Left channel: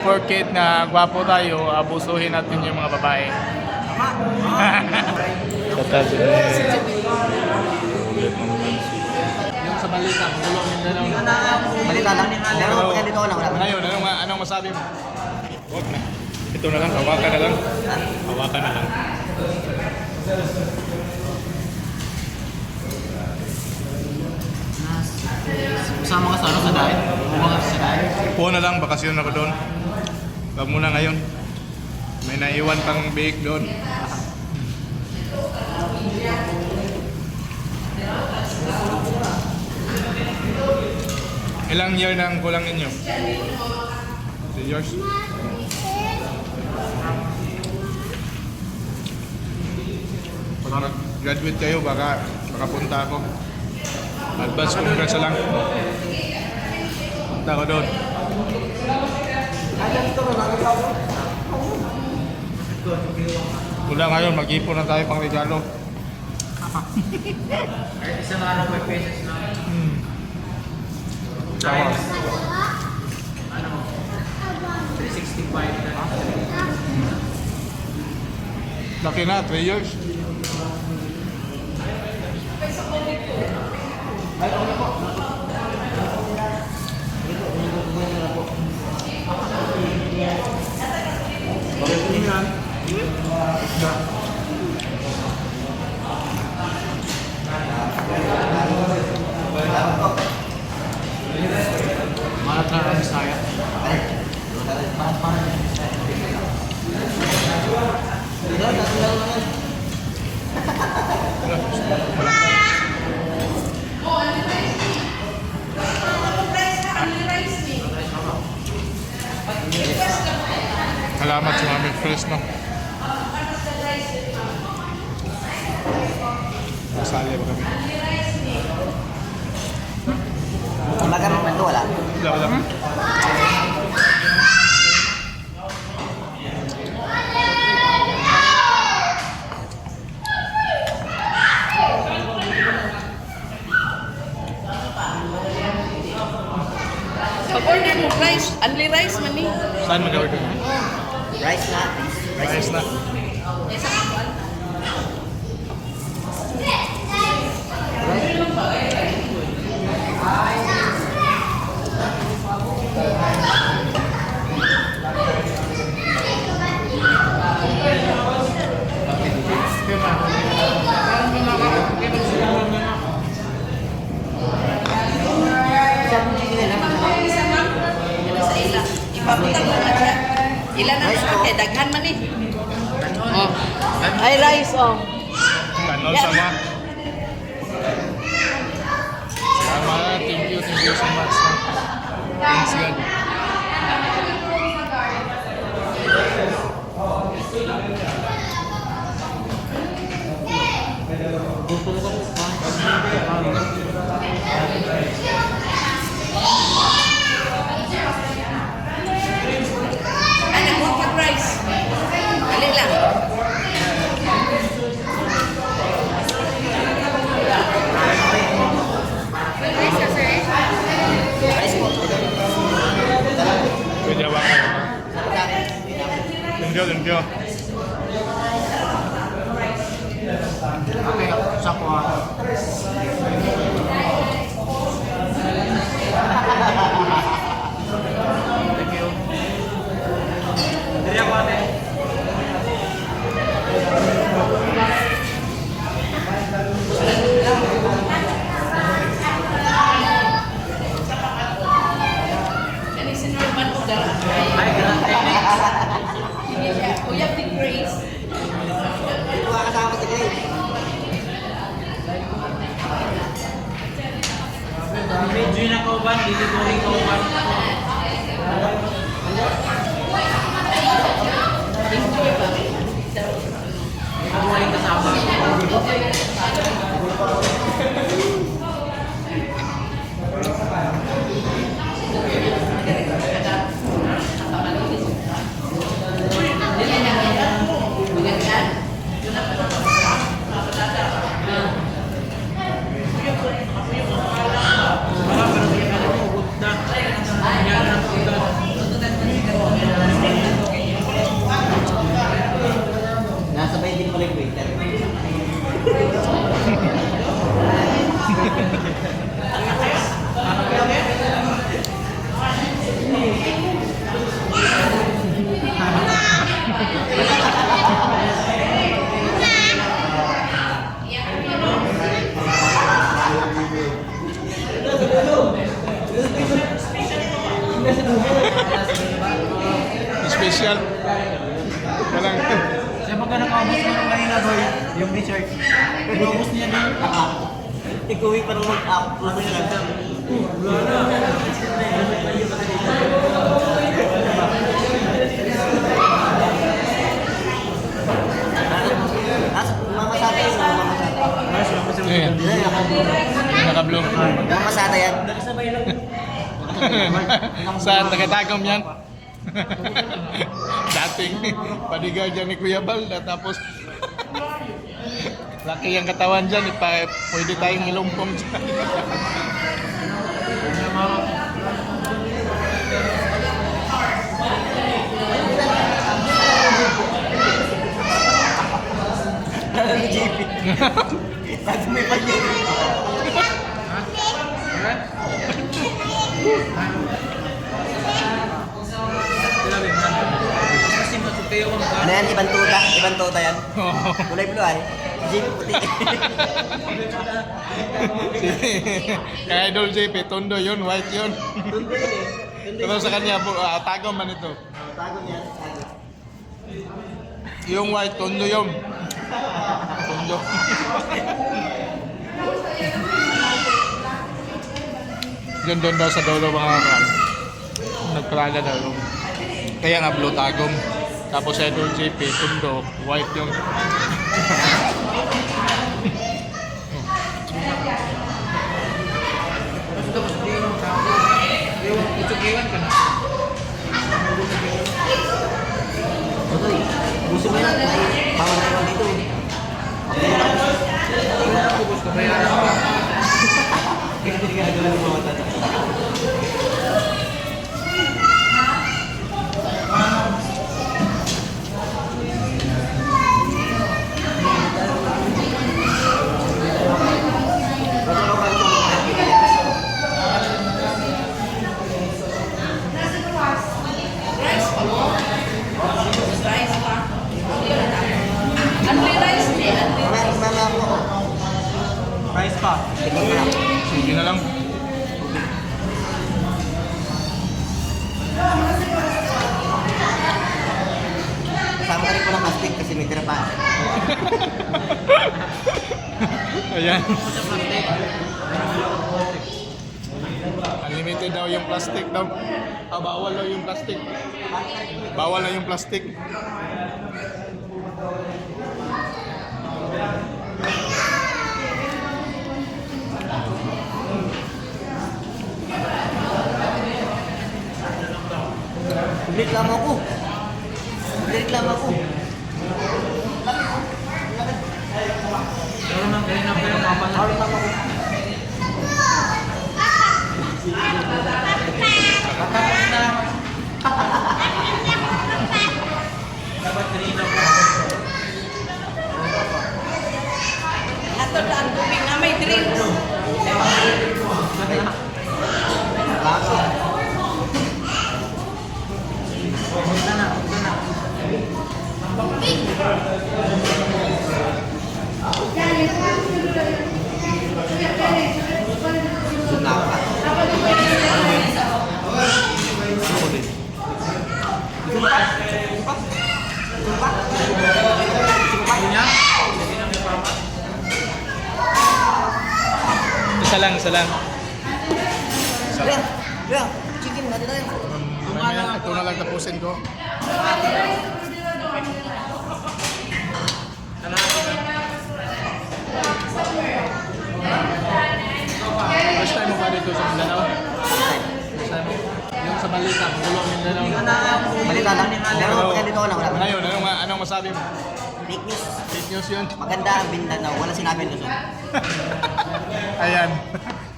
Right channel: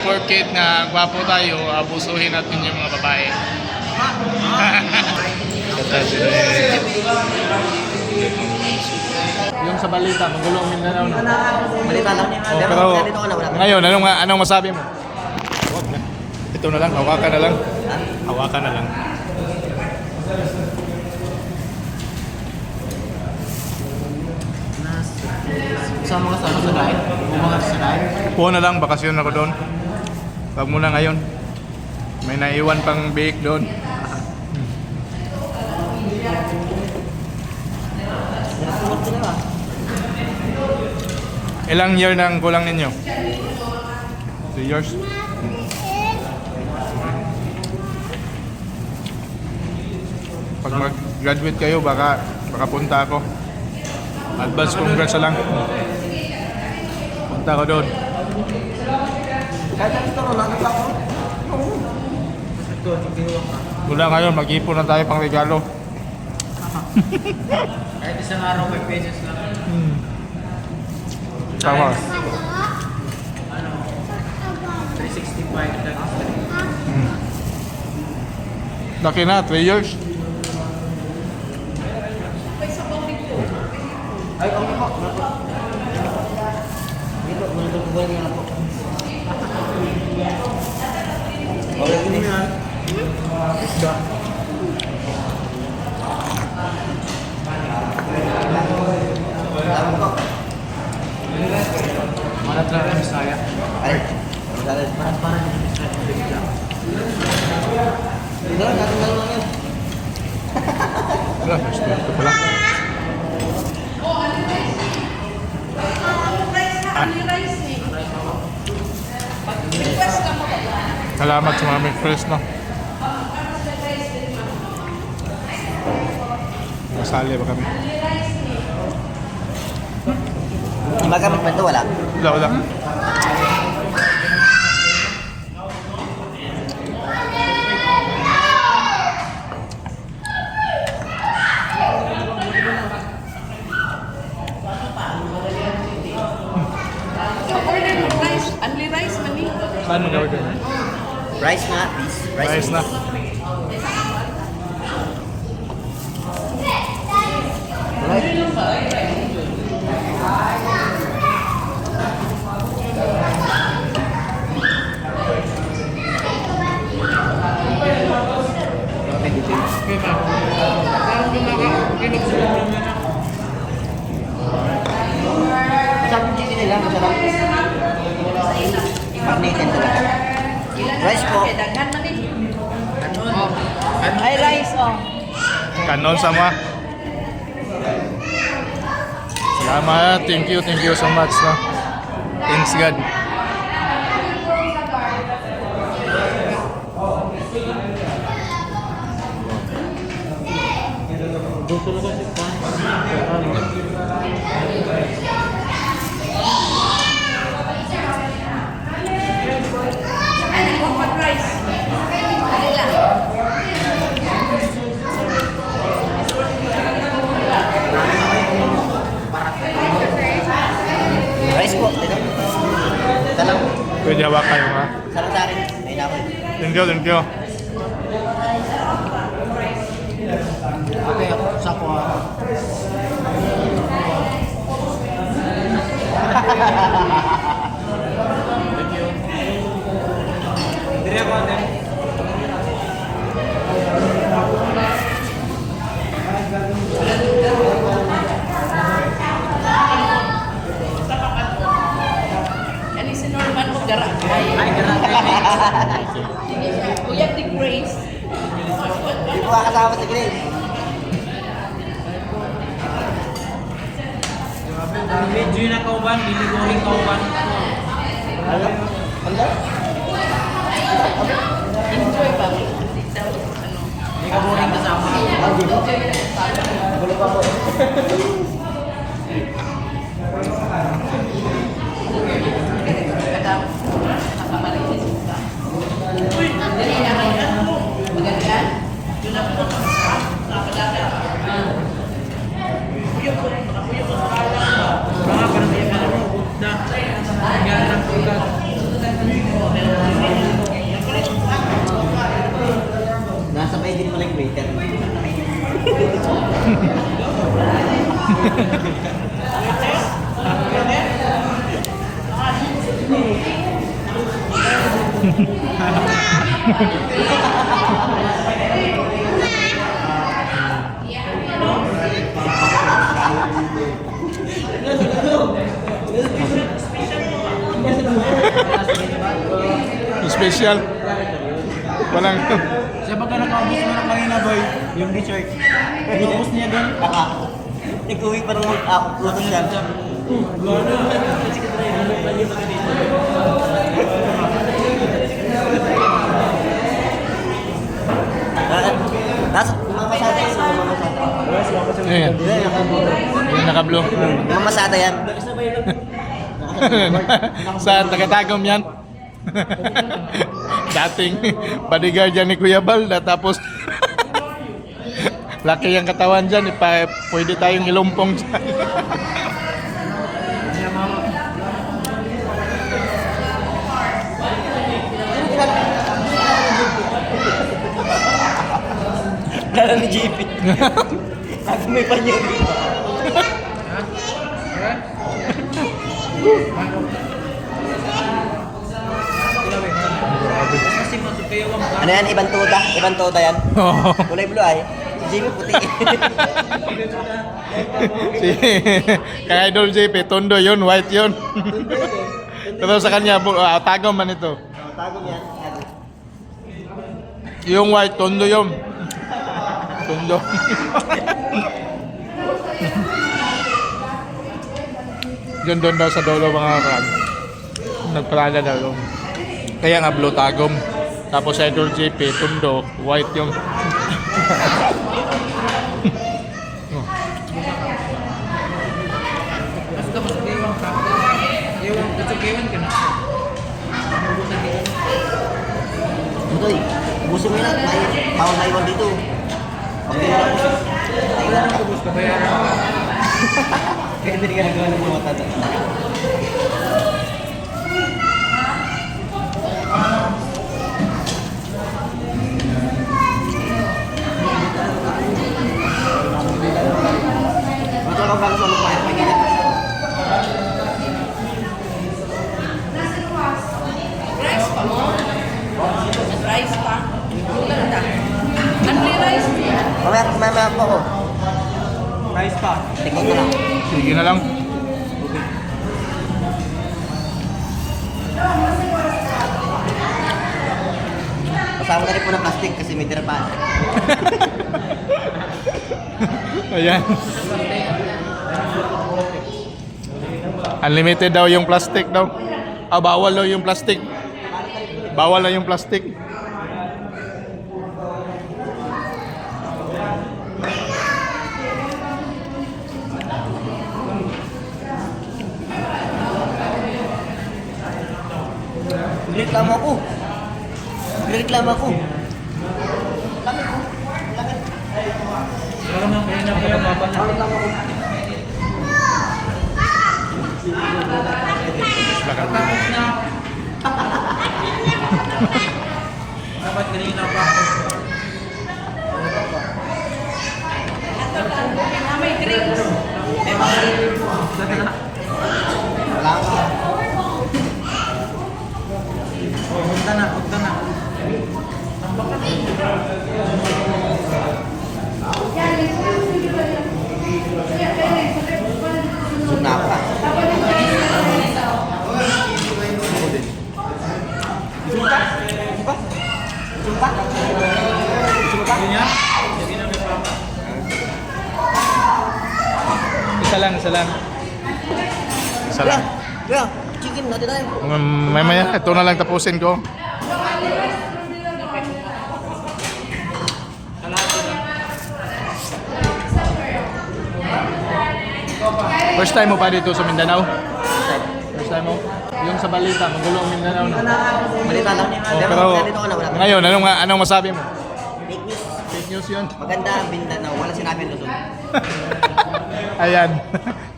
Porket nga gwapo tayo, abusuhin natin yung mga babae. Yung sa balita, gulong Mindanao. Balita lang. Pero ngayon, anong masabi mo? Huwag na. Ito na lang, hawakan na lang. Hawakan na lang. Kasama ka sa dahil? Mga sa dahil? Upo na lang, bakasyon ako doon. Huwag muna ngayon. May naiwan pang bake doon. Ilang year na ang kulang ninyo? 3 years? Pag mag-graduate kayo, baka punta ako. Advance congrats lang. Punta ko doon. Wala ngayon, mag-ipon na tayo pang regalo. Isang araw may pesos lang. Tama. Ano? 365 na. Laki na, 3 years. Malat na rin saya. Parang Wala, ito pala. Salamat sa mga mag-press, no? Nasali ba kami? magamit pa ito, wala? Wala. Order mo rice, only rice man ni. Saan mag-order na? Rice na. Rice na. Ilan na sa ate, daghan man ni. Ay rice oh. Kanon sama. Salamat. Thank you so much, no? Thanks God. Gusto na kasi Ay nagkuha pa rice. Alin lang. rice po. Pwede hawakan mo, ha? Sarap sa akin. Thank you. Okay, sa ko ha. Thank you. Diri ako ate. Ani si Norman ko dara. Ay, grabe. Hindi siya. Kuya the Grace. Hindi ko kasama si Grace. Medyo na kauban, dili going kauban. Enjoy ba? Hindi ka boring kasama. Mga pero alam mo, good na. Special. Walang Siya pagka nakaubos mo na kanina boy, yung t-shirt. Nakaubos niya doon. Ikuwi pa ng make-up. Tapos yan. Wala na. Nasa mamasada yan. Mamasada. Ayan. Yung naka-blue. Mamasada yan. Saan? Tagatagom yan? Dating bodyguard yan ni Kuya Bal. Tapos laki yung katawan dyan. Pwede tayong ilumpong dyan. Lalo ni JP. Lagi may panyo. Ano yan? Ibang tuta? Ibang tuta yan? Oo. Kulay blue ay. JP puti. Si kay Idol JP, tondo yun, white yun. Tundo yun eh. Pero sa kanya, tagom man ito. Tagom yan. Tagom. Yung white, tondo yun. Tondo. Doon daw sa dulo mga kan. Nagpalala daw yung. Kaya nga blue tagom. Tapos sa Idol JP, tondo, white yung. Basta mas iwan ka. Iwan, iwan ka na. Uy, gusto mo yun. Bawal na iwan dito eh. Wala nang kubos ko, bayaran ka. Kaya hindi ka naglalaro ng mga tata. Rice pa mo? Rice pa? Only rice niya? Mamaya po ako. Nice pa. Tingin ko lang. Sige na lang. Kasama na rin po ng plastic kasi may tira pa. Ayan. Unlimited daw yung plastic daw. Bawal daw yung plastic. Bawal na yung plastic. Nagreklamo ako. Nagreklamo ako. Wala naman kayo na pa yan. Tawag lang ako. Tapos na. Dapat kanina pa. Ato lang, buming na may drinks. May mga drinks. Punta na, punta na. Suna pa. Hindi niya? Hindi na may papa. Isa lang, isa lang. Isa Kuya, lang. kuya, chicken natin tayo. Mamaya, ito na lang tapusin ko. First time mo ba dito sa Mindanao? First time mo? Yung sa balita, ang gulo ang Mindanao. Malita lang. Oh, pero Dito ko lang. Wala. ngayon, anong masabi mo? Fake news. Fake news yun. Maganda ang Mindanao. Wala sinabi ang Luzon. Ayan.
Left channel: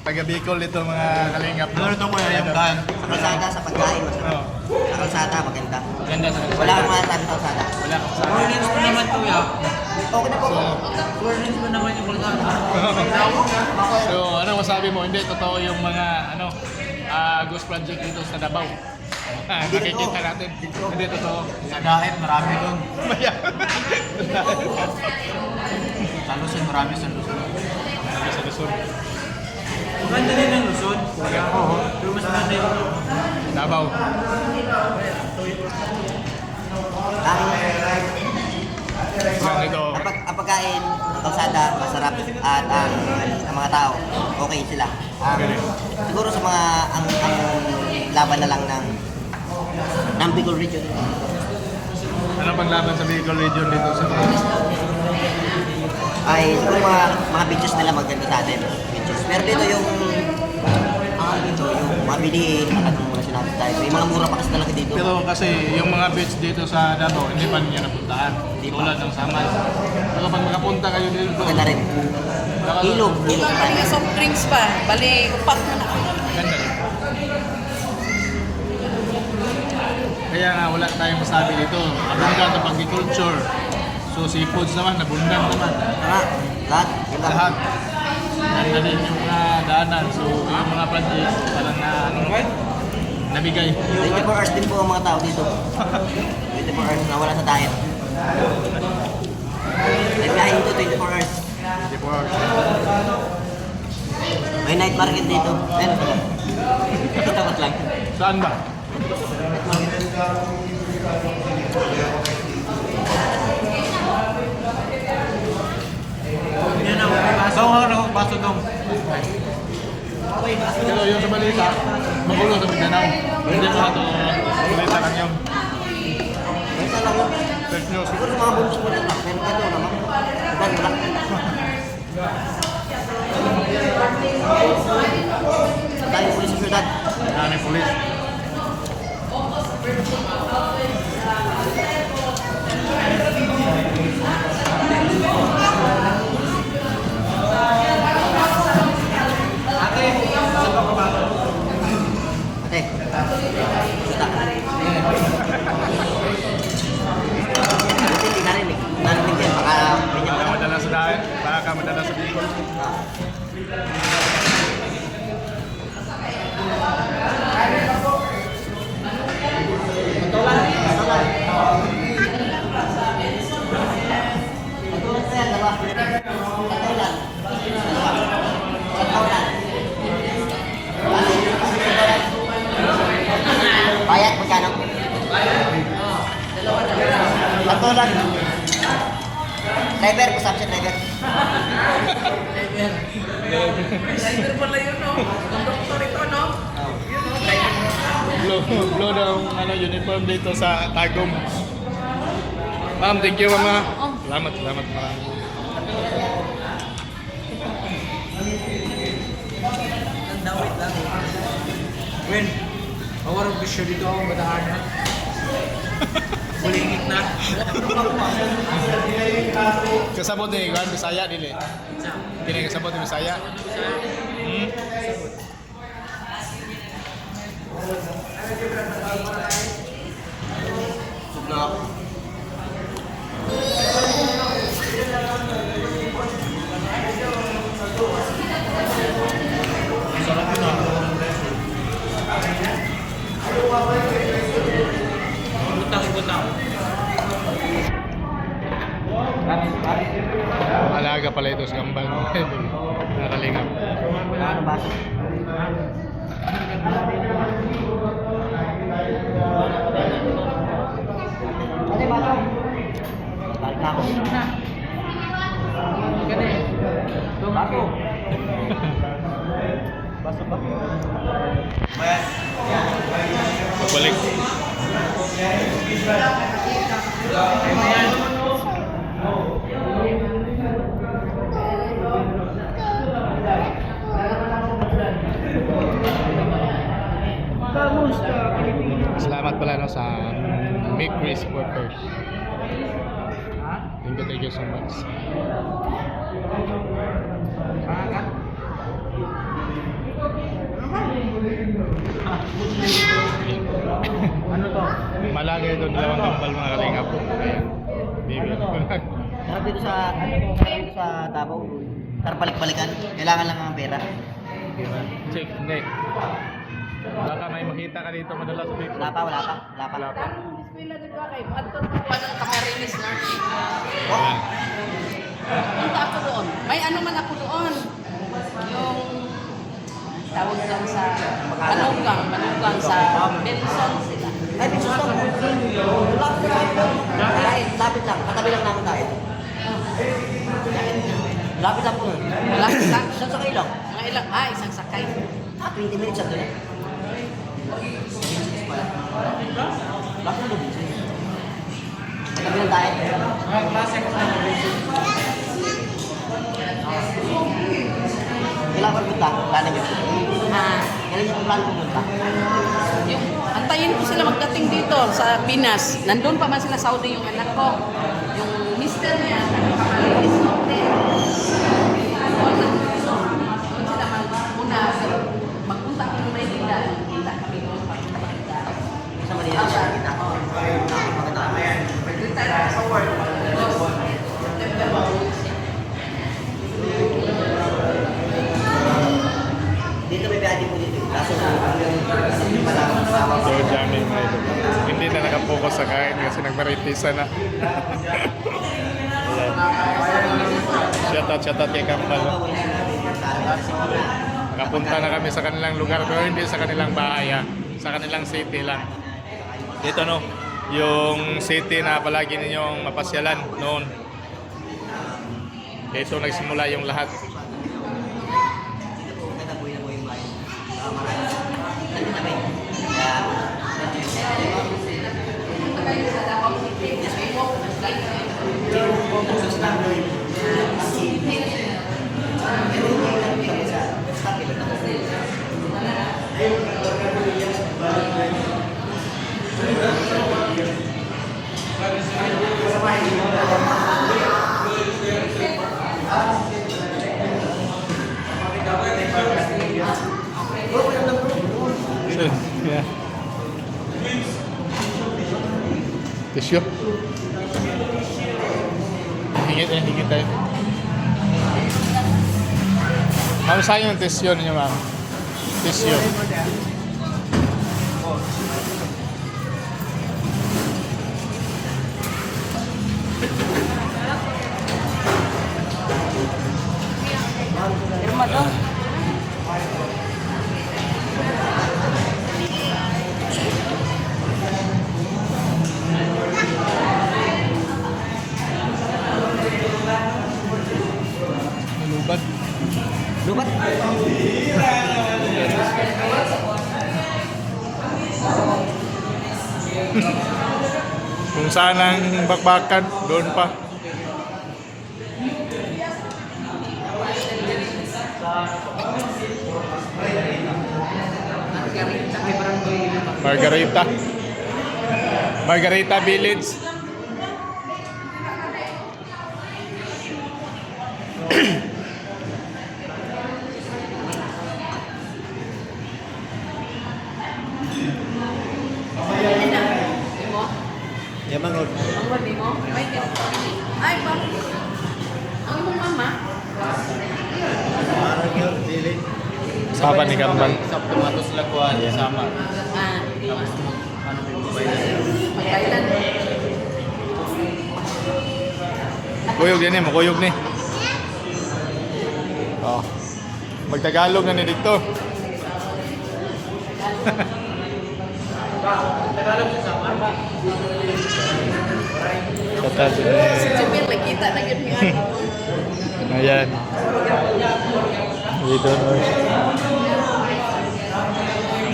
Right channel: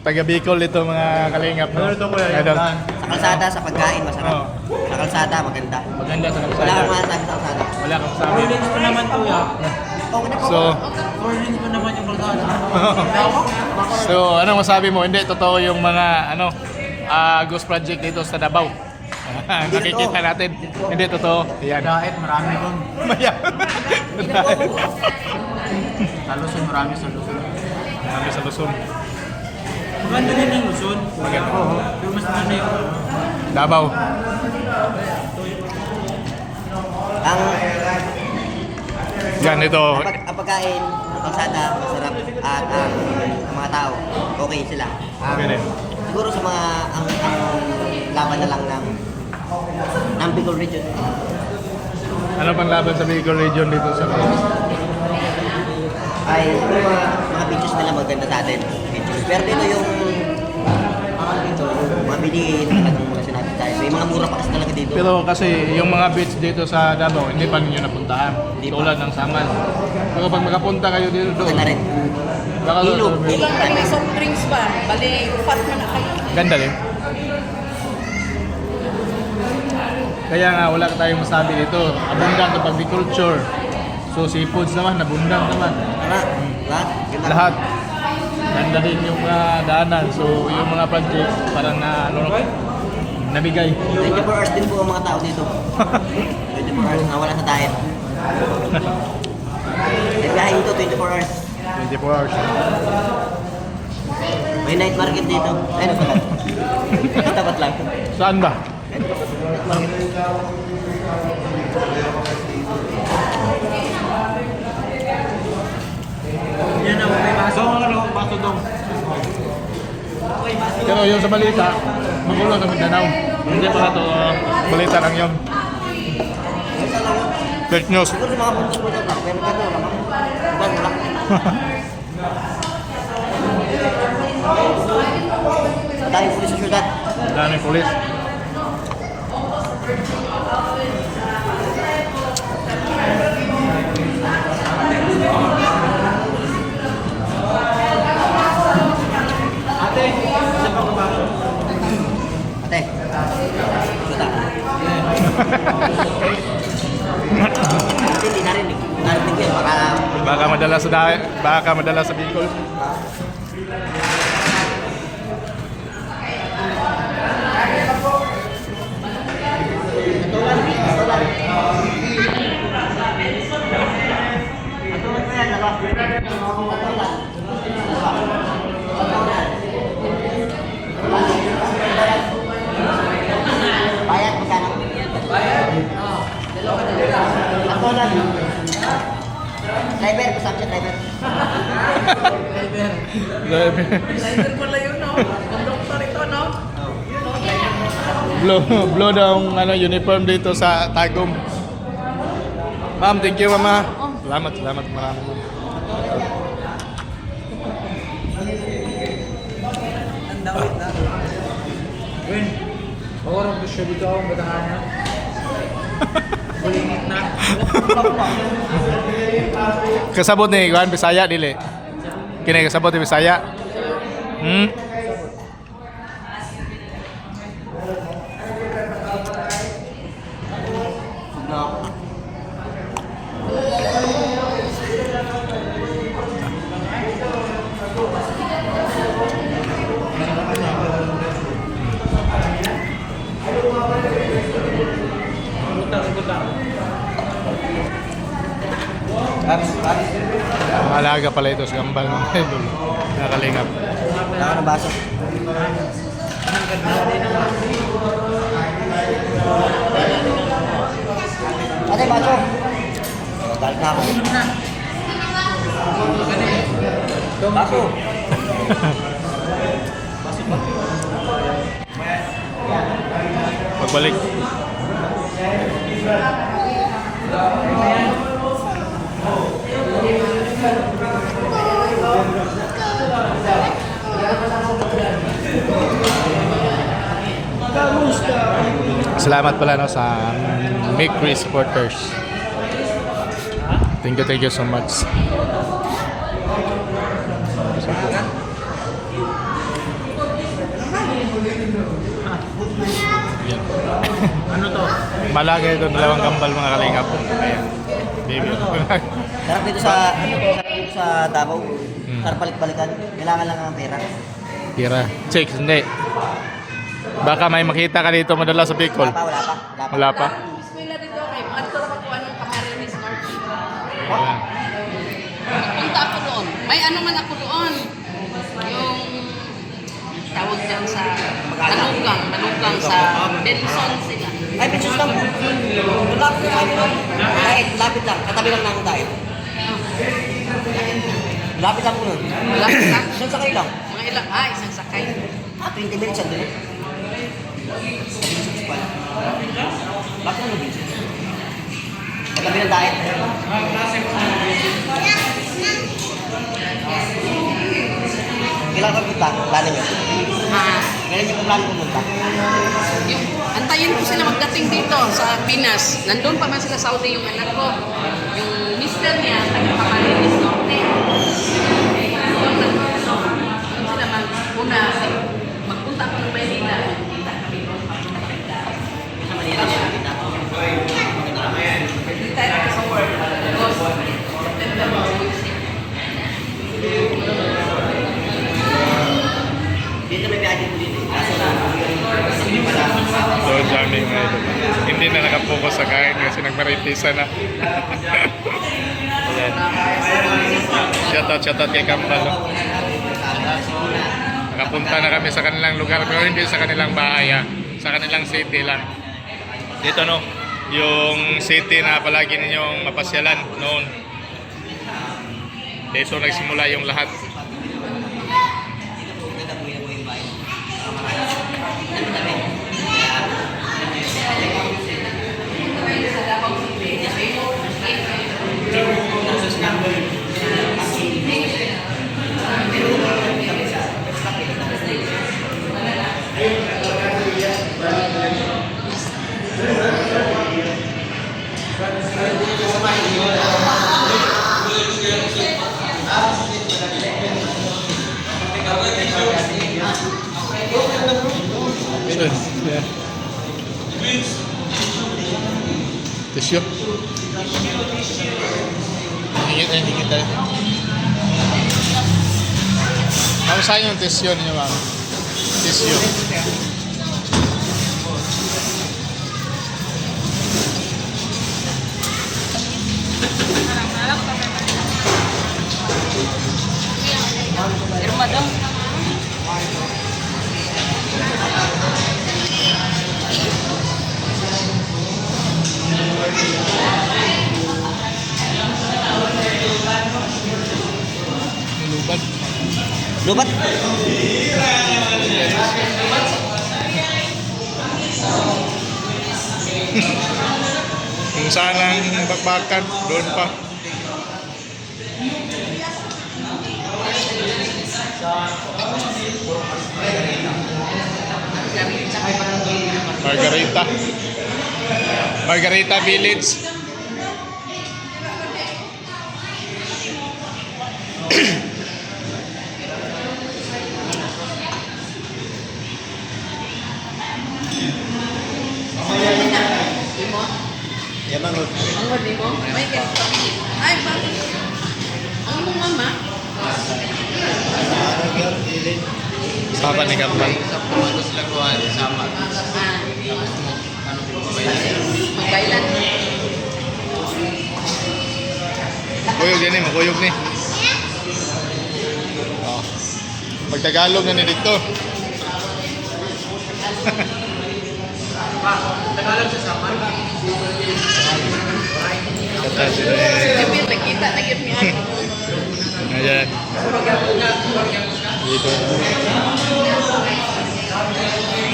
Taga Bicol ito mga kalingap. No? Ano ito, kuya? Yung Ayan. daan. Sa kalsada, sa pagkain, masarap. Oo. Sa kalsada, maganda. Maganda sa kalsada. Wala kang masasabi sa kalsada. Wala kang sabi. Prudence ko naman kuya. Okay na po. So, Prudence ko naman yung kalsada. Lawak. so anong masabi mo? Hindi, totoo yung mga ghost project dito sa Davao. Nakikita natin. Hindi totoo. Yan. Diet, marami doon. Maya. Sa Luzon, marami sa Luzon. Sabi sa Luzon. Maganda din yung Luzon. Kuya. Pero mas maganda yung Davao. Yan ito. Ang pagkain, ang kalsada, masarap at ang mga tao, okay sila. Okay. Siguro sa mga ang laban na lang ng Bicol region. Ano pang laban sa Bicol region dito sa Ay siguro mga beaches nila maganda sa atin. Beaches. Pero dito yung ang ano dito, yung mga bilihin, talagang mga sinabi tayo. May mga mura pa kasi talaga dito. Pero kasi yung mga beach dito sa Davao, hindi pa ninyo napuntahan. Hindi pa. Tulad ng Samal. Pero pag makapunta kayo dito, Maganda rin. baka Ilog. Ilang kami ng soft drinks ba? Bali, upat man na kayo. Ganda rin. Kaya nga wala tayong masabi dito. Abundant ang agriculture. So seafoods naman, abundant naman. Lahat. Yun lang. Lahat. Ganda din yung mga daanan. So yung mga budget, parang nabigay. 24 hours din po ang mga tao dito. 24 hours na wala sa diet. Nagbiyahe dito 24 hours. 24 hours. May night market dito. Tapat lang. Saan ba? Yan ang baso. Baso doon. Pero yung sa balita, magulo sa Mindanao. Hindi ko na ito balita lang yun. Fake news. Siguro mga buntis mo lang. Pero ganito naman. Wala. Dami pulis sa syudad. Daming pulis. Ate. Syuta. Hindi narinig. Narinig yan. Baka madala sa dahil, baka madala sa Bicol. Patulan ko yan, dalawa. Patulan. Bayad, magkano? Patulan. Driver, kusap siya driver. Driver pala yun, no? Doktor ito, no? Blow daw ang uniform dito sa Tagum. Ma'am, thank you mama. Salamat marami. Win. Ako rin bisyo dito ang batahan na. Bulingit na. Kasabot ni Juan Bisaya dili. Kini kasabot ni Bisaya. Malaga pala ito sa Gambal. Nakalingap. Ang baso. Ate, baso. Balik na ako. Baso. Pagbalik. Salamat pala no sa Bakery supporters. Thank you so much. Ano to? Malaga ito, dalawang kambal mga kalingap. Ayan. Baby. Sarap dito sa Davao. Sarap balik-balikan. Kailangan lang ang pera. Tira. Check, hindi. Baka may makita ka dito madala sa Bicol. Wala pa. Wala pa. Bismillah dito kay mga turko pa ng Camarines Norte. Wala. Punta ako doon. May ano man ako doon. Yung tawag dyan sa Manugang sa Benson sila. Ay, Pinsos lang. Lapit lang doon. Dahil, lapit lang. Katabi lang namin dahil. Lapit lang po nun. Malapit lang. Isang sakay lang. Mga ilang, isang sakay. 20 minutes yan doon. Lapit lang mo, Pinsos. Katabi lang dahil. Kailangan ka punta. Plano nyo. Kailangan nyo plano pumunta. Antayin ko sila magdating dito sa Pinas. Nandun pa man sila Saudi yung anak ko. Yung mister niya, taga-Camarines Norte. Doon sila magpunta. Magpunta ko ng Maynila. Kita kami doon. Pagpunta kami dito. Sa Manila siya. Kita. Hindi tayo sa work. September 26. Dito may biyahe po dito. Kaso yung malaman sa awa. So, jamming nga ito. Hindi na nakapokus sa kain kasi nagmaritisa na. Ayan. Shoutout kay Kambal. No? Nakapunta na kami sa kanilang lugar pero hindi sa kanilang bahay ha. Sa kanilang city lang. Dito no, yung city na palagi ninyong mapasyalan noon. So nagsimula yung lahat. Yeah. Tisyo. Hingit tayo. Ma'am, saan yung tisyo ninyo, ma'am? Tisyo. Irma daw. Nilubat. Lubat. Kung saan ang bakbakan, doon pa. Margarita Village. Ang wadi mo? May kaya. Ay, bakit? Ang mong mama? Sapa ni Kambal. Magkailan? Kuyog yan eh, makuyog ni. Oh. Magtagalog na ni dito. Kata sila eh. Sabi, nakita na yun niya. Ayan. Dito.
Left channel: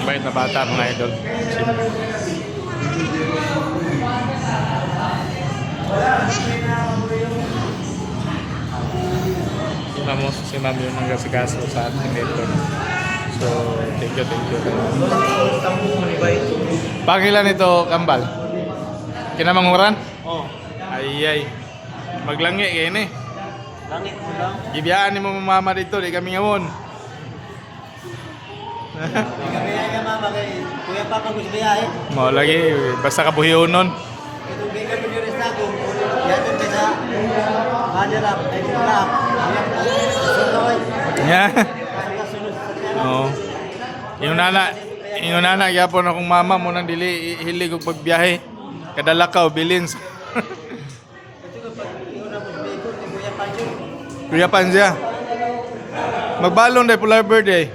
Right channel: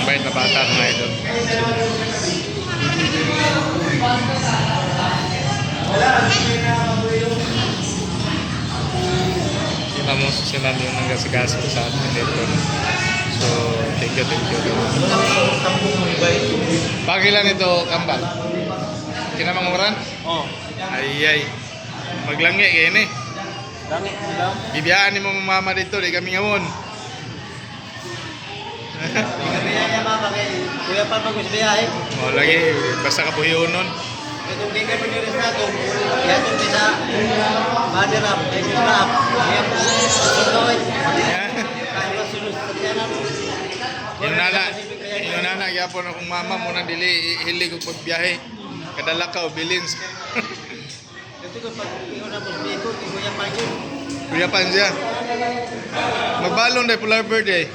Bait na bata mga idol. Si ma'am yung nagasigaso sa atin dito. So, thank you. Pakilan ito, Kambal? Kinamanguran? Oh. Ay. Maglangi, yan eh. Langit mo lang. Ibiyaan ni mo mama dito, di kami ngawon. Kaya mama kay Kuya Papa ko biyahe. Mo lagi, basta kabuhiyon nun. Itong di kami diris na to. Yato di sa Madirap, ay Kurap. Kaya po. Yeah. Kaya sunod sa tiyan. Oo. Yung nana, Inunana gyapon akong mama mo nang dili hilig og pagbiyahe. Kadalakaw bilins. Ito ko pag iyon na po, ito, kuya pa yun. Kuya Panzia. Magbalon day Polar Bird eh.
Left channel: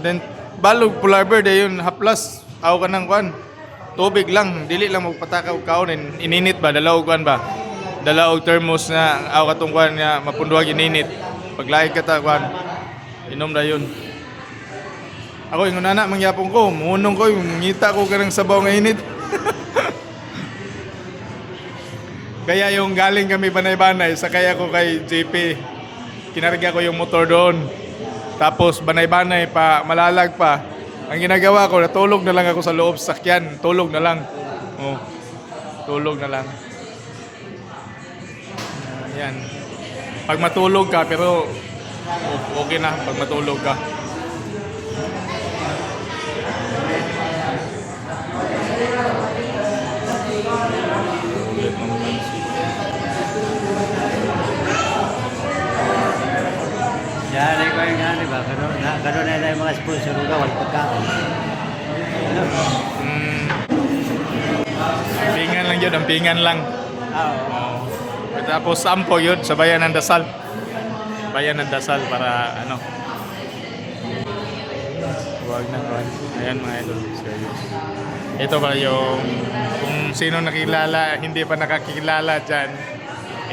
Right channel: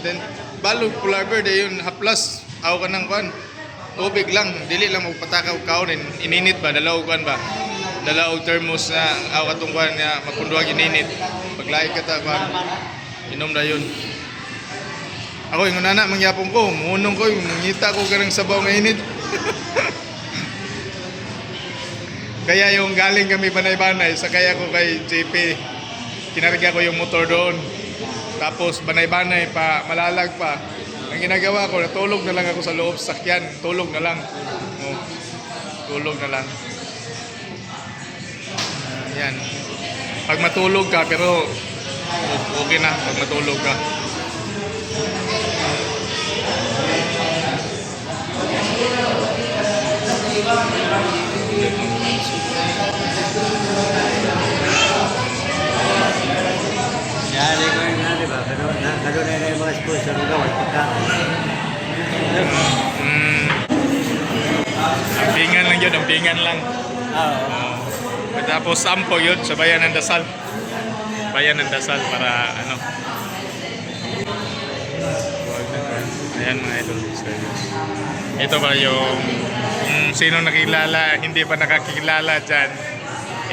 Then balog Polar Bird eh yun haplas. Aw ka nang kwan. Tubig lang, dili lang magpatakaw kaon ininit ba dalaog kwan ba. Dalaog thermos na aw katong kwan nga mapunduhag ininit. Paglaig ka ta kwan. Inom na yun. Ako yung nana mangyapon ko, munong ko, mungita ko karang sabaw ng init. Kaya yung galing kami Banay-Banay, sakay ako kay JP. Kinarga ko yung motor doon. Tapos Banay-Banay pa, malalag pa. Ang ginagawa ko, natulog na lang ako sa loob sa sakyan. Tulog na lang. Oh, tulog na lang. Yan. Pag matulog ka, pero okay na pag matulog ka. Yari ko yung ano ba? Ganun na yung mga sponsor ko. Ampingan lang yun, ampingan lang. Oo. Tapos sampo yun sa Bayan ng Dasal. Bayan ng Dasal para ano. Wag na kwan. Ayan mga idol. Ito ba yung kung sino nakilala, hindi pa nakakilala dyan.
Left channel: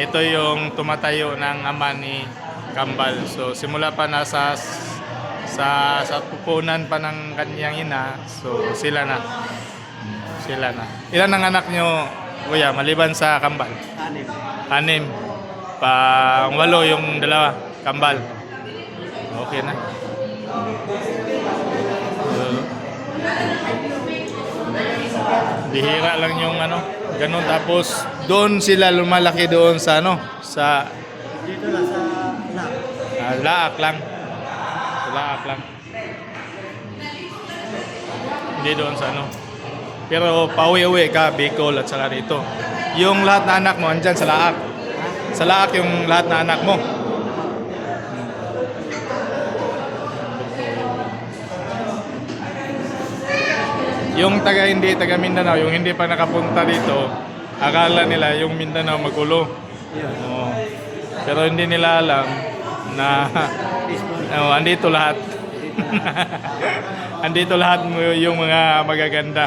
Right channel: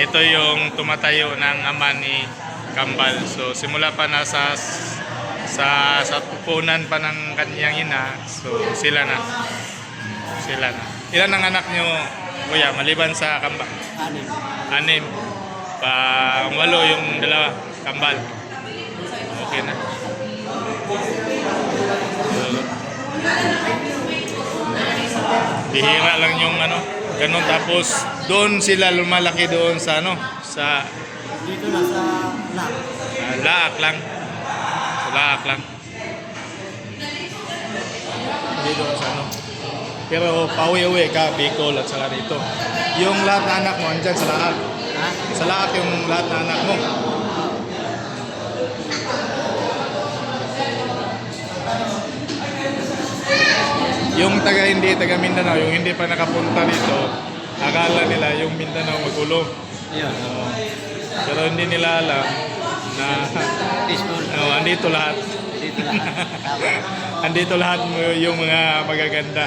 Ito yung tumatayo ng ama ni Kambal. So simula pa nasa sa pupunan pa ng kanyang ina. So sila na. Ilan ang anak nyo, kuya, maliban sa Kambal? 6. Ang 8 yung dalawa, Kambal. Okay na. Bihira lang yung ano, ganun. Tapos doon sila lumalaki doon sa ano, sa Dito lang sa Lac. Laak lang. Sa Laak lang. Hindi doon sa ano. Pero pauwi-uwi ka, Bicol at saka rito. Yung lahat na anak mo, andyan sa Laak. Ha? Sa Laak yung lahat na anak mo. Yung hindi taga Mindanao, yung hindi pa nakapunta dito, akala nila yung Mindanao magulo. Yun. Pero hindi nila alam na Peaceful. andito lahat. Dito lang. Andito lahat yung mga magaganda.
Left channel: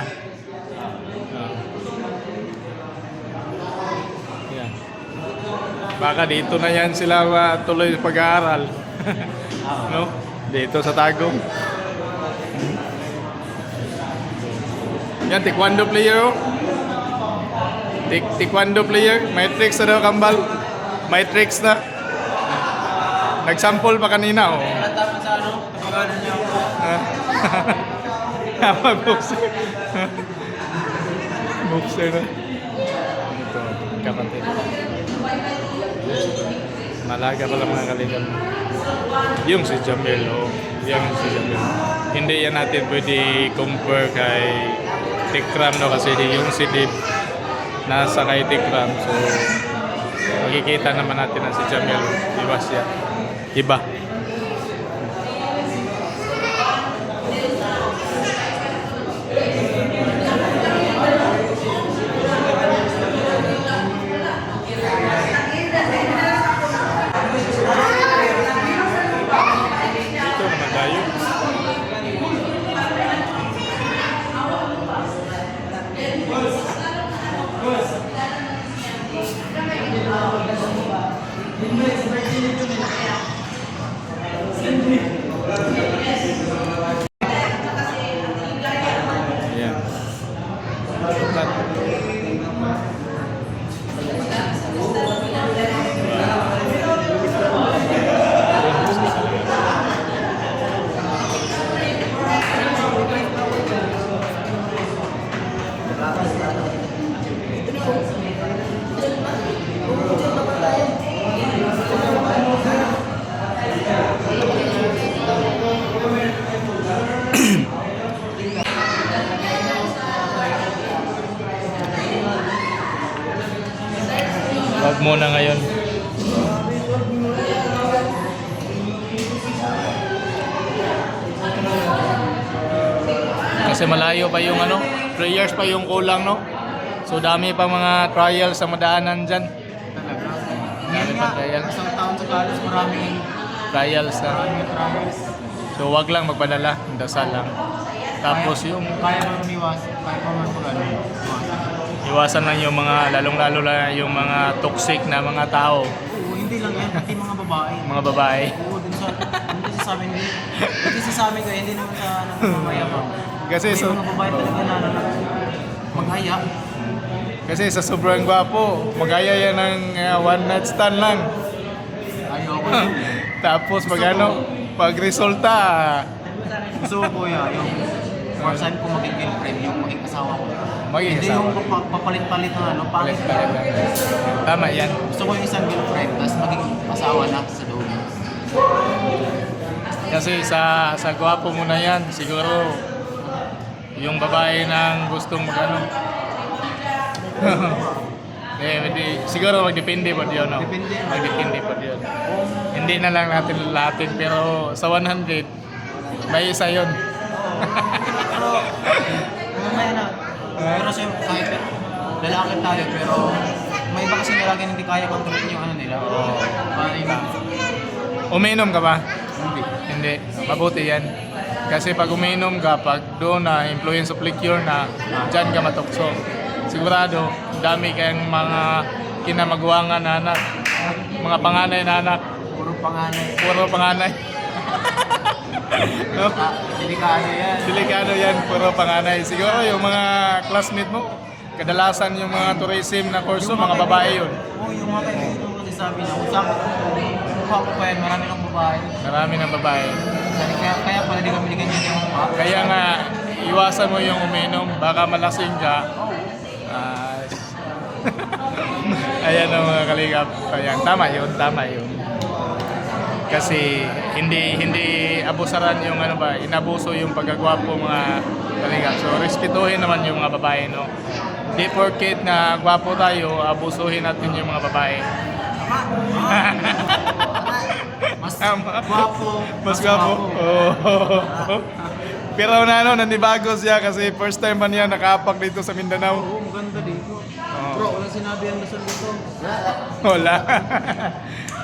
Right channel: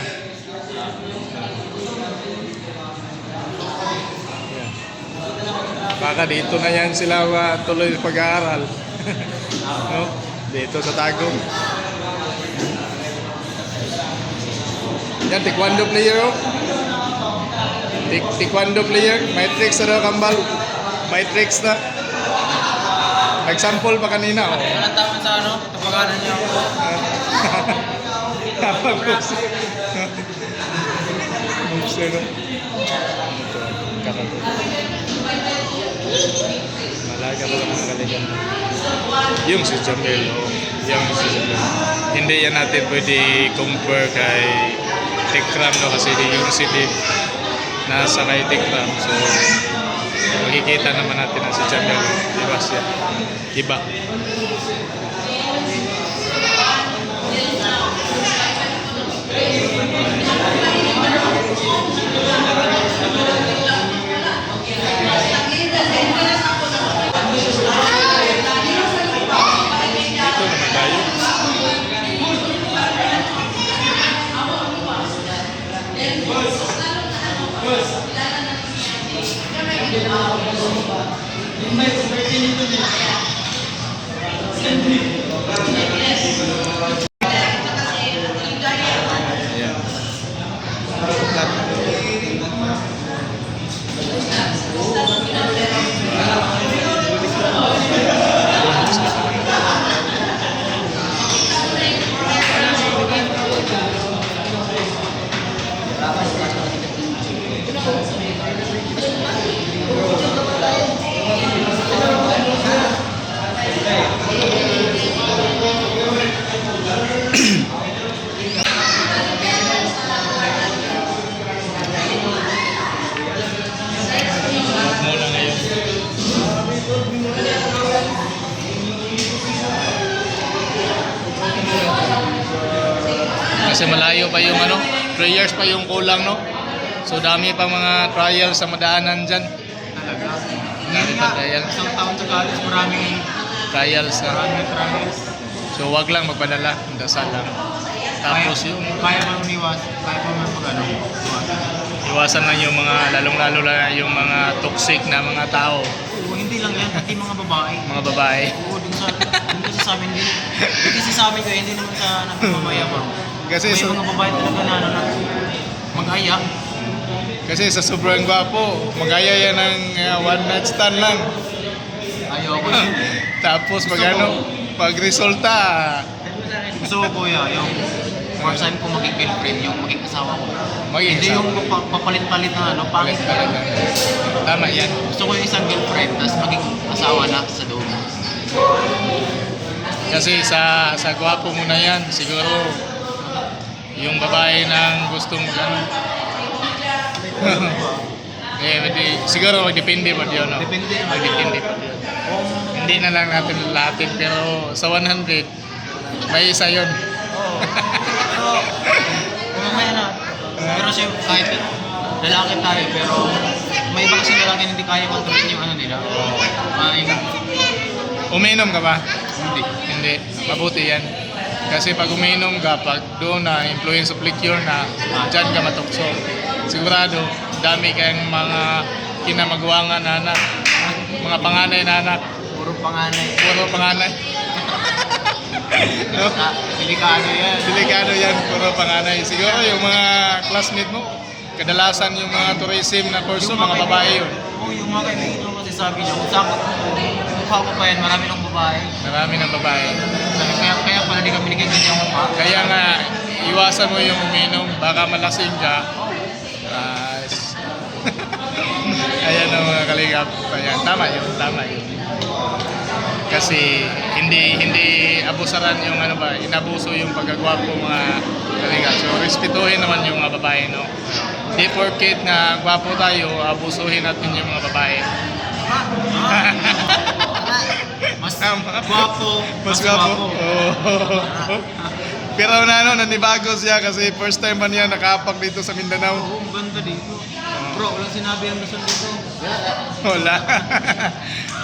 Yan. Baka dito na yan sila tuloy pag-aaral. No? Dito sa Tagum. Yan, taekwondo player. Oh. Taekwondo player. May tricks na daw, Kambal. May tricks na. Nag-sample pa kanina. Oh. Walang tama sa ano? Kapaganan niya ako. Napag-moves. Moves na. Ito, kakante. Malaga pala mga kaligan. Yung si Jamel, oh. Yung si Jamel. Hindi yan natin pwede compare kay Tikram, no? Kasi yung si Dib nasa kay Tikram. So, makikita naman natin na si Jamel. Iba siya. Iba. Dito naman tayo. Ayan. Tukat. Huwag muna ngayon. Kasi malayo pa yung 3 years pa yung kulang, no? So dami pang mga trials sa madaanan dyan. Talaga. Dami Hindi pa nga, trial. isang taon sa college, maraming Trials. trials. So wag lang magpadala, dasal lang. Tapos yung Kaya ba umiwas? Kaya pa man pag iwasan? iwasan lang yung mga, lalong-lalo lang yung mga toxic na mga tao, Oo, hindi lang yan, pati mga babae. mga babae. Oo, dun kasi sa amin din. Dun kasi sa amin ko, hindi naman sa nagmamayabang. Kasi May mga babae talaga na mag-aya. Kasi sa sobrang gwapo, magaya yan ng one night stand lang. Ayoko yun. Tapos pag resulta, Gusto ko kuya, yung first time ko maging girlfriend, yung maging asawa ko. Maging Hindi asawa. yung papalit-palit na pangit. talaga. Tama yan. Gusto ko yung isang girlfriend, tapos maging asawa na sa loob. Kasi sa gwapo mo na yan, siguro yung babae nang gustong siguro magdepende pa yun, no? Depende. Magdepende pa yun. Kung, Hindi na lang natin lahatin, pero sa 100, may isa yun. oo. Pero, kung mamaya na. Pero siya, kahit lalaki tayo, pero may iba kasi lalaki na hindi kaya kontrolin yung ano nila. Yung, Uminom ka ba? hindi. Hindi. Mabuti yan. Kasi pag uminom ka, pag doon na influence of liquor na, dyan ka matukso. Sigurado, dami kayong mga kinamagwangan na anak. Mga panganay na anak. Puro panganay. Puro panganay. No? Delikado yan. Delikado yan, puro panganay. Siguro yung mga classmate mo, kadalasan yung mga tourism na kurso, mga babae yun. Oo, yung mga kaibigan ko kasi sabi niya, kung saan mukha ko pa yan, marami ng babae. Marami ng babae. Sabi, kaya pala di kami ligay ganyan yung mukha. Kaya nga, iwasan mo yung uminom, baka malasing ka. Oo. Ayan ang mga kaligap. Ayan, tama yun. Kasi hindi abusaran yung inabuso yung pagkagwapo mga kaligap. So respetuhin naman yung mga babae, no? Di porket na gwapo tayo, abusuhin natin yung mga babae. Mas Tama. gwapo. Mas gwapo. Oo. Pero nanibago siya kasi first time pa niya nakaapak dito sa Mindanao. Oo, maganda dito. Bro, walang sinabi ang Luzon dito. Wala.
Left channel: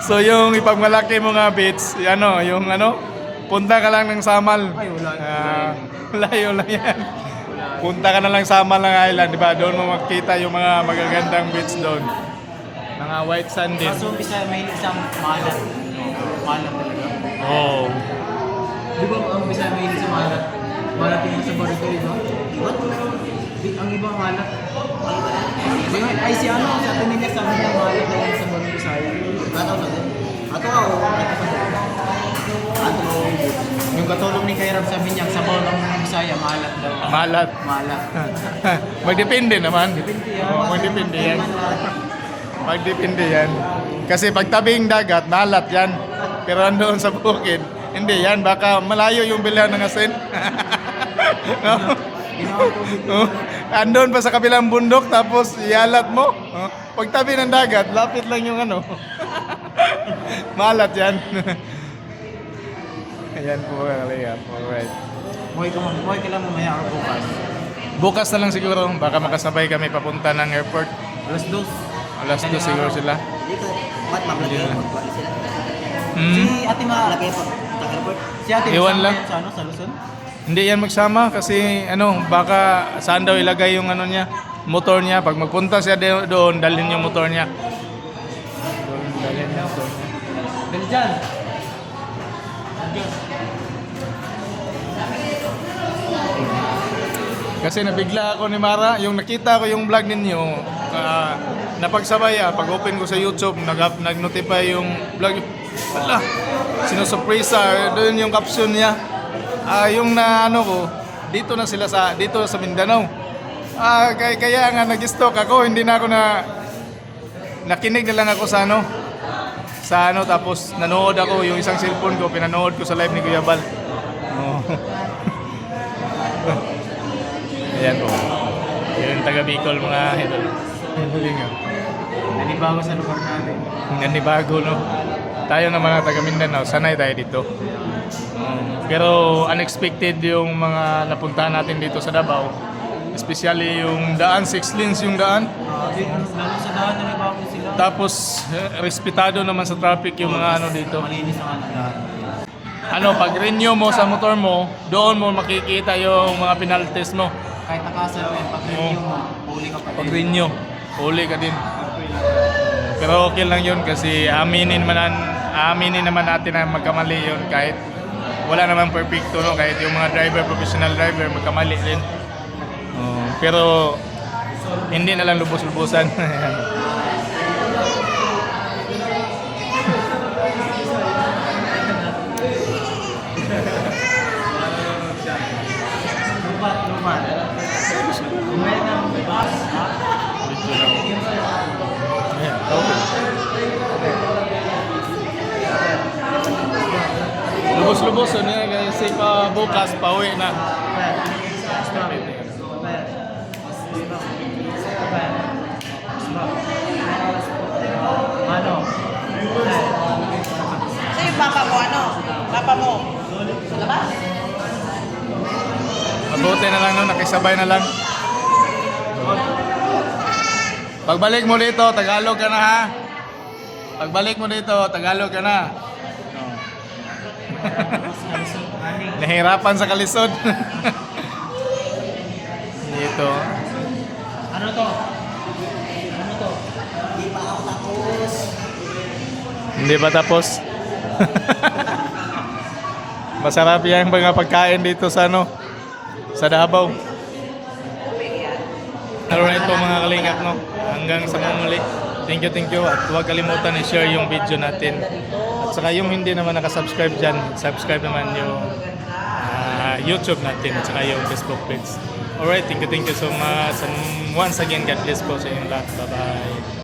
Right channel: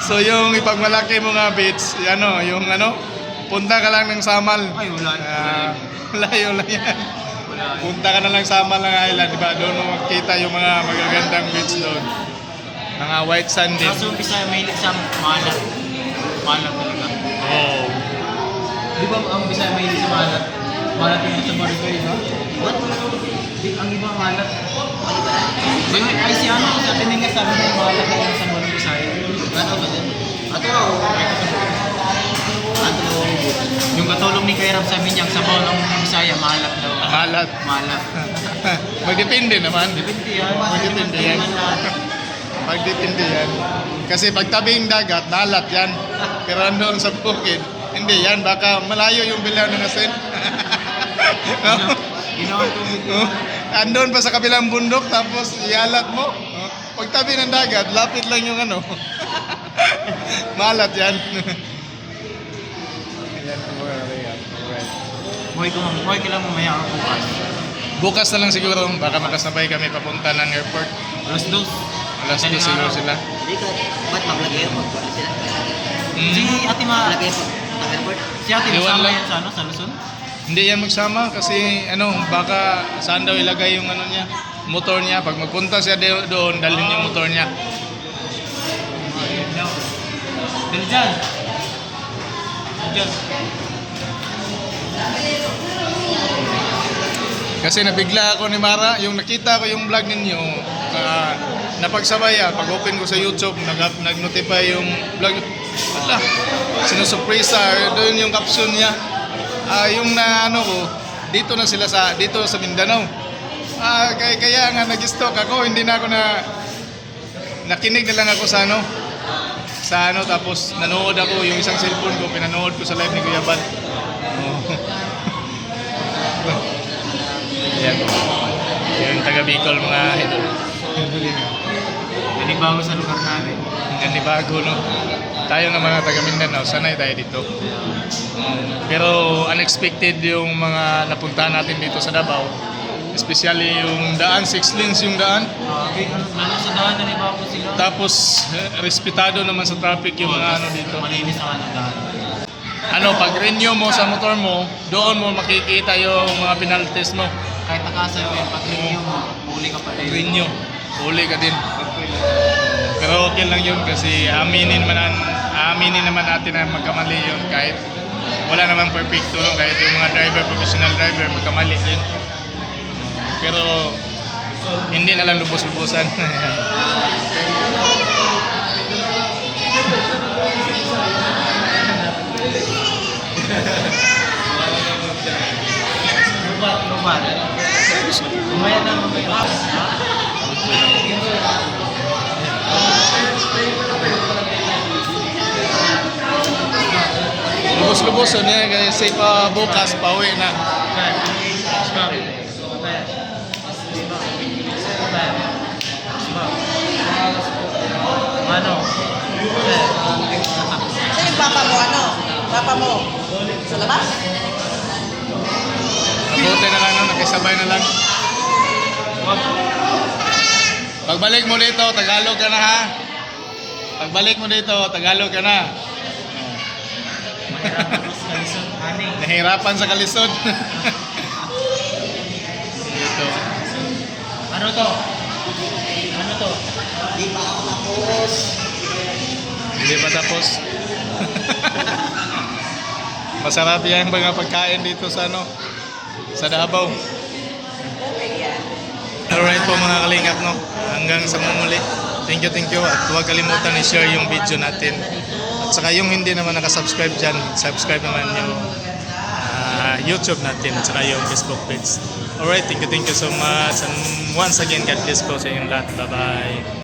So yung ipagmalaki mo nga beach, punta ka lang ng Samal. Ay, wala. Layo lang yan. Wala. Punta ka na lang Samal ng island, di ba? Doon mo makikita yung mga magagandang beach doon. Mga white sand din. Kaso Bisaya mahilig sa malat. Malat talaga. Oh. Di ba ang Bisaya mahilig sa malat? Malat yung sa barito, di ba? What? Ang iba malat. Ano ba na? Di ba, ay si sabi nila sabi niya malat yung sa barito Bisaya. Ano ba din? Ato ako. Ato na umubutan. Yung katulong ni Kuya Rab, sabi niya, ang sabaw ng Bisaya, malat daw. Malat. Malat. Magdepende naman. Depende yan. Magdepende yan. Hindi man lahat. Magdepende yan. Kasi pag tabing dagat, malat yan. Pero andoon sa bukid, hindi yan. Baka malayo yung bilhan ng asin. No? Ginawang tubig Oh, yun. andun pa sa kabilang bundok, tapos ialat mo. Oh, pag tabi ng dagat, lapit lang yung malat yan. Ayan po, alright. Muhay ka lang mamaya or bukas. Bukas na lang siguro, baka makasabay kami papunta ng airport. Alas 2. Alas 2 siguro sila. Hindi ka. Ba't maglagay airport? Ba't sila? Si Ate Maglagay airport. Sa airport? Si Ate Iwan masama lang. yan sa Luzon? Hindi yan magsama kasi baka saan daw ilagay yung niya, motor niya. Pag magpunta siya doon, dalhin yung motor niya. Ayan daw. Dali dyan. Dyan. Kasi nabigla ako ni Mara, yung nakita ko yung vlog ninyo, napagsabay pag open ko sa YouTube, nag-notify yung vlog. Wala, sinusurpresa, doon yung caption niya. Yung ko, dito sa Mindanao. Kaya nga nag-stalk ako, hindi na ako nakinig na lang ako sa tapos nanood ako, yung isang cellphone ko, pinanood ko sa live ni Kuya Bal. Oh. Ayan po. Yung taga Bicol mga idol. Nanibago sa lugar natin. Yan ni bago, no? tayo na mga taga Mindanao, sanay tayo dito. Pero unexpected yung mga napuntahan natin dito sa Davao. Especially yung daan, 6 lanes yung daan. Lalo sa daan na bago sila. Tapos respetado naman sa traffic yung mga ano dito. Malinis ang daan. Ano, pag renew mo sa motor mo, doon mo makikita yung mga penalties mo. Kahit nakasa yun, pag review mo, huli ka pa Pag din. renew, huli ka din. Pero okay lang yun kasi aminin naman natin na magkamali yun kahit wala naman perfecto, no? Kahit yung mga driver, professional driver, magkamali din. Pero hindi na lang lubos-lubosan. Lumat. Mamaya na, mamaya. Lubos-lubosan niya kasi pa bukas pauwi na. Ano? Saan yung papa mo? Ano? Papa mo? Sa labas? Mabuti na lang, no? Nakisabay na lang. Pagbalik mo dito, Tagalog ka na ha. Pagbalik mo dito, Tagalog ka na. No. Nahirapan sa kalisod. Dito. Ano to? Ano to? Hindi pa tapos. Masarap yung mga pagkain dito sa ano, sa Davao. Alright po mga kalingap, no. Hanggang sa mumuli. Thank you at huwag kalimutan i-share yung video natin. At saka yung hindi naman nakasubscribe dyan, subscribe naman yung YouTube natin at saka yung Facebook page. Alright, thank you so much and once again God bless po sa inyong lahat. Bye bye.